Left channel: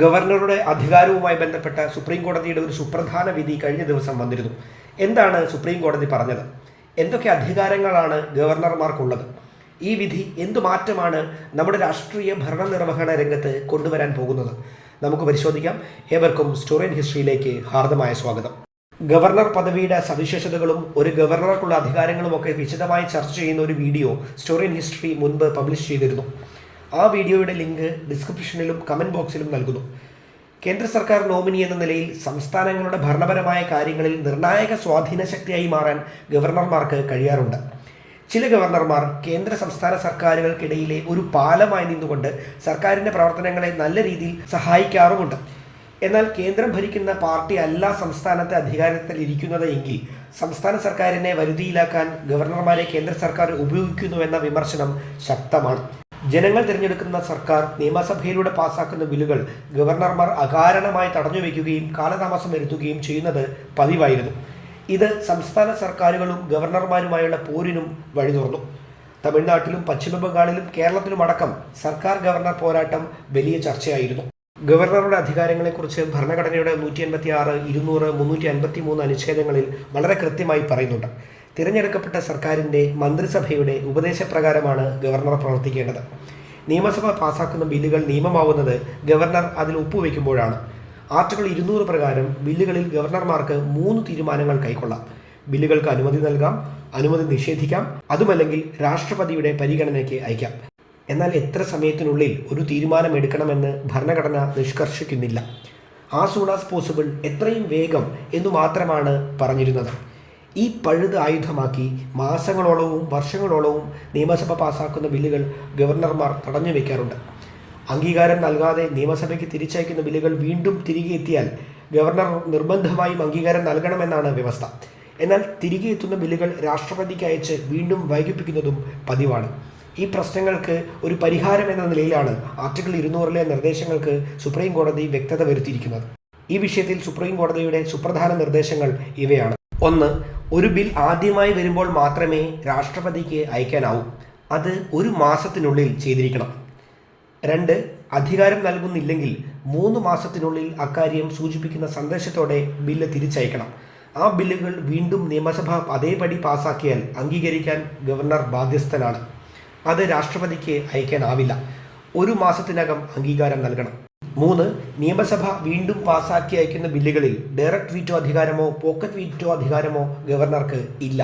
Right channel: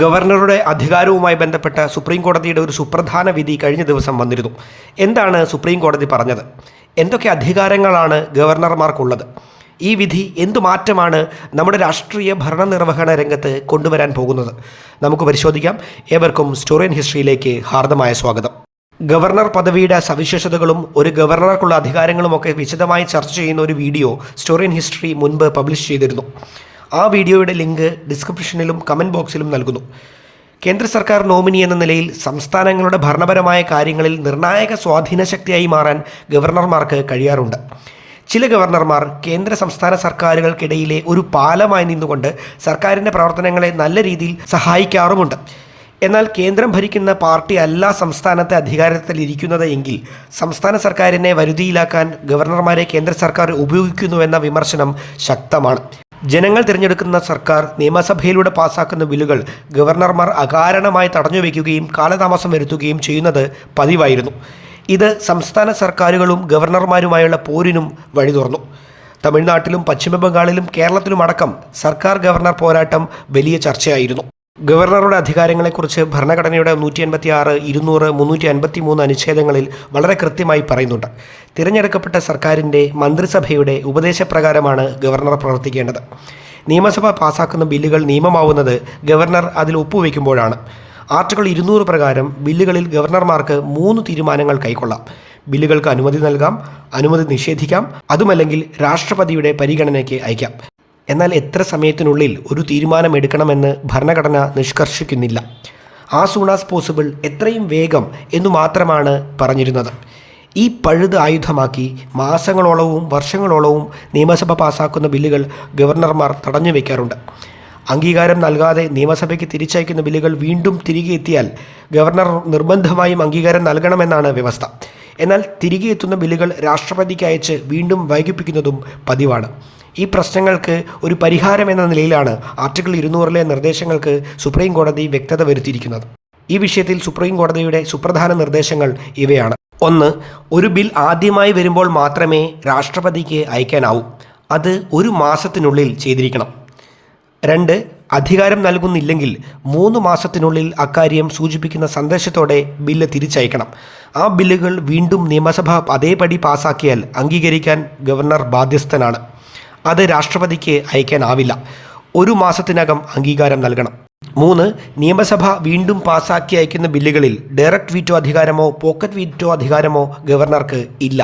ഗവർണറുടെ അധികാരവുമായി ബന്ധപ്പെട്ട സുപ്രീം കോടതിയുടെ ഒരു സുപ്രധാന വിധി കഴിഞ്ഞ ദിവസം വന്നിരുന്നു. എന്താണ് സുപ്രീം കോടതി പറഞ്ഞത്? എന്തൊക്കെ അധികാരങ്ങളാണ് ഗവർണർമാർക്കുള്ളത്? ഈ വിധി എന്തു മാറ്റമാണ് നമ്മുടെ രാഷ്ട്രീയ ഭരണനിർവഹണ രംഗത്ത് കൊണ്ടുവരാൻ പോകുന്നത്? നമുക്ക് പരിശോധിക്കാം. ഏവർക്കും സ്റ്റോറി ഇൻ ഹിസ്റ്ററിയിലേക്ക് ഹാർദമായ സ്വാഗതം. ഗവർണർ പദവിയുടെ സവിശേഷതകളും ഒരു ഗവർണർക്കുള്ള അധികാരങ്ങളുമൊക്കെ വിശദമായി ചർച്ച ചെയ്യുന്ന ഒരു വീഡിയോ സ്റ്റോറി ഇൻ ഹിസ്റ്ററി മുൻപ് പബ്ലിഷ് ചെയ്തിരുന്നു. ആ വീഡിയോയുടെ ലിങ്ക് ഡിസ്ക്രിപ്ഷനിലും കമൻറ്റ് ബോക്സിലും നൽകുന്നു. കേന്ദ്ര സർക്കാർ നോമിനി എന്ന നിലയിൽ സംസ്ഥാനങ്ങളുടെ ഭരണപരമായ കാര്യങ്ങളിൽ നിർണായക സ്വാധീന ശക്തിയായി മാറാൻ ഗവർണർമാർക്ക് കഴിയാറുണ്ട്. ചില ഗവർണർമാർ കേന്ദ്ര സംസ്ഥാന സർക്കാരുകൾക്കിടയിലെ ഒരു പാലമായി നിന്നുകൊണ്ട് സർക്കാരിൻ്റെ പ്രവർത്തനങ്ങളെ നല്ല രീതിയിൽ സഹായിക്കാറുമുണ്ട്. എന്നാൽ കേന്ദ്രം ഭരിക്കുന്ന പാർട്ടി അല്ല സംസ്ഥാനത്തെ അധികാരത്തിലിരിക്കുന്നത് എങ്കിൽ സംസ്ഥാന സർക്കാരിനെ വരുതിയിലാക്കാൻ ഗവർണർമാരെ കേന്ദ്ര സർക്കാർ ഉപയോഗിക്കുന്നുവെന്ന വിമർശനം ശക്തമാണ്. ജനങ്ങൾ തിരഞ്ഞെടുക്കുന്ന സർക്കാർ നിയമസഭയിലൂടെ പാസാക്കുന്ന ബില്ലുകൾ ഗവർണർമാർ അകാരണമായി തടഞ്ഞുവെക്കുകയും കാലതാമസം വരുത്തുകയും ചെയ്യുന്നത് പതിവായിരുന്നു. ഇത് സംസ്ഥാന സർക്കാരുകളും ഗവർണർമാരുമായുള്ള പോരിനും വഴി തുറന്നു. തമിഴ്നാട്ടിലും പശ്ചിമ ബംഗാളിലും കേരളത്തിലുമടക്കം സർക്കാർ ഗവർണർ പോരാട്ടം വലിയ ചർച്ചയായിരുന്നു. ഗവർണറുടെ അധികാരങ്ങളെക്കുറിച്ച് ഭരണഘടനയുടെ 186, 200, 353 അനുച്ഛേദങ്ങളിൽ വളരെ കൃത്യമായി പറയുന്നുണ്ട്. തിരഞ്ഞെടുക്കപ്പെട്ട സർക്കാരിൻ്റെ മന്ത്രിസഭയുടെ ഉപദേശപ്രകാരമാണ് ഗവർണർ പ്രവർത്തിക്കേണ്ടത്. നിയമസഭ പാസാക്കുന്ന ബില്ലുകൾ നിയമമാവുന്നത് ഗവർണർ അതിൽ ഒപ്പുവെക്കുമ്പോഴാണ്. ആർട്ടിക്കിൾ 200 പ്രകാരം ബില്ലുകളിൽ ഗവർണർമാർക്ക് 3 തീരുമാനങ്ങൾ കൈക്കൊള്ളാം. ബില്ലുകൾക്ക് അനുമതി നൽകാം, അനുമതി നിഷേധിക്കാം, അതുമല്ലെങ്കിൽ രാഷ്ട്രപതിയുടെ പരിഗണനയ്ക്ക് അയക്കാം. എന്നാൽ എത്ര സമയത്തിനുള്ളിൽ ഒരു തീരുമാനമെടുക്കണമെന്ന് ഭരണഘടന നിഷ്കർഷിക്കുന്നില്ല. ആസ് സൂൺ ആസ് പോസിബിൾ, എത്രയും വേഗം എന്നു മാത്രമാണ് പറഞ്ഞിരുന്നത്. ഈ പഴുത് ആയുധമാക്കി മാസങ്ങളോളവും വർഷങ്ങളോളവും നിയമസഭ പാസാക്കുന്ന ബില്ലുകൾ ഗവർണർമാർ തടഞ്ഞു വയ്ക്കാറുണ്ട്. അംഗീകാരം നൽകാതെ നിയമസഭയ്ക്ക് തിരിച്ചയക്കുന്ന ബില്ലുകൾ വീണ്ടും തിരികെ എത്തിയാൽ ഗവർണർ നിർബന്ധമായും അംഗീകാരം നൽകണമെന്നാണ് വ്യവസ്ഥ. എന്നാൽ തിരികെ എത്തുന്ന ബില്ലുകൾ രാഷ്ട്രപതിക്ക് അയച്ച് വീണ്ടും വൈകിപ്പിക്കുന്നതും പതിവാണ്. ഈ പ്രശ്നങ്ങൾക്ക് ഒരു പരിഹാരം എന്ന നിലയിലാണ് ആർട്ടിക്കിൾ 200 നിർദ്ദേശങ്ങൾക്ക് സുപ്രീം കോടതി വ്യക്തത വരുത്തിയിരിക്കുന്നത്. ഈ വിഷയത്തിൽ സുപ്രീം കോടതിയുടെ സുപ്രധാന നിർദ്ദേശങ്ങൾ ഇവയാണ്. 1. ഒരു ബിൽ ആദ്യമായി വരുമ്പോൾ മാത്രമേ രാഷ്ട്രപതിക്ക് അയക്കാനാവൂ. അത് 1 മാസത്തിനുള്ളിൽ ചെയ്തിരിക്കണം. 2. അധികാരം നൽകുന്നില്ലെങ്കിൽ 3 മാസത്തിനുള്ളിൽ അക്കാര്യം സൂചിപ്പിക്കുന്ന സന്ദേശത്തോടെ ബില്ല് തിരിച്ചയക്കണം. ആ ബില്ലുകൾ വീണ്ടും നിയമസഭ അതേപടി പാസാക്കിയാൽ അംഗീകരിക്കാൻ ഗവർണർ ബാധ്യസ്ഥനാണ്. അത് രാഷ്ട്രപതിക്ക് അയക്കാനാവില്ല. 1 മാസത്തിനകം അംഗീകാരം നൽകണം. 3. നിയമസഭ വീണ്ടും പാസാക്കി അയക്കുന്ന ബില്ലുകളിൽ ഡയറക്റ്റ് വീറ്റോ അധികാരമോ പോക്കറ്റ് വീറ്റോ അധികാരമോ ഗവർണർക്ക് ഇല്ല.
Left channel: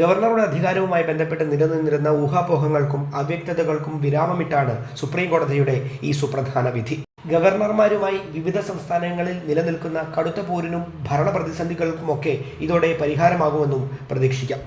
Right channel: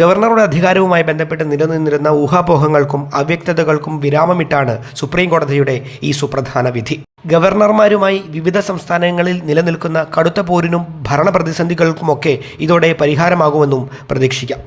ഗവർണറുടെ അധികാരവുമായി ബന്ധപ്പെട്ട് നിലനിന്നിരുന്ന ഊഹാപോഹങ്ങൾക്കും അവ്യക്തതകൾക്കും വിരാമമിട്ടാണ് സുപ്രീം കോടതിയുടെ ഈ സുപ്രധാന വിധി. ഗവർണർമാരുമായി വിവിധ സംസ്ഥാനങ്ങളിൽ നിലനിൽക്കുന്ന കടുത്ത പോരിനും ഭരണ പ്രതിസന്ധികൾക്കുമൊക്കെ ഇതോടെ പരിഹാരമാകുമെന്നും പ്രതീക്ഷിക്കാം.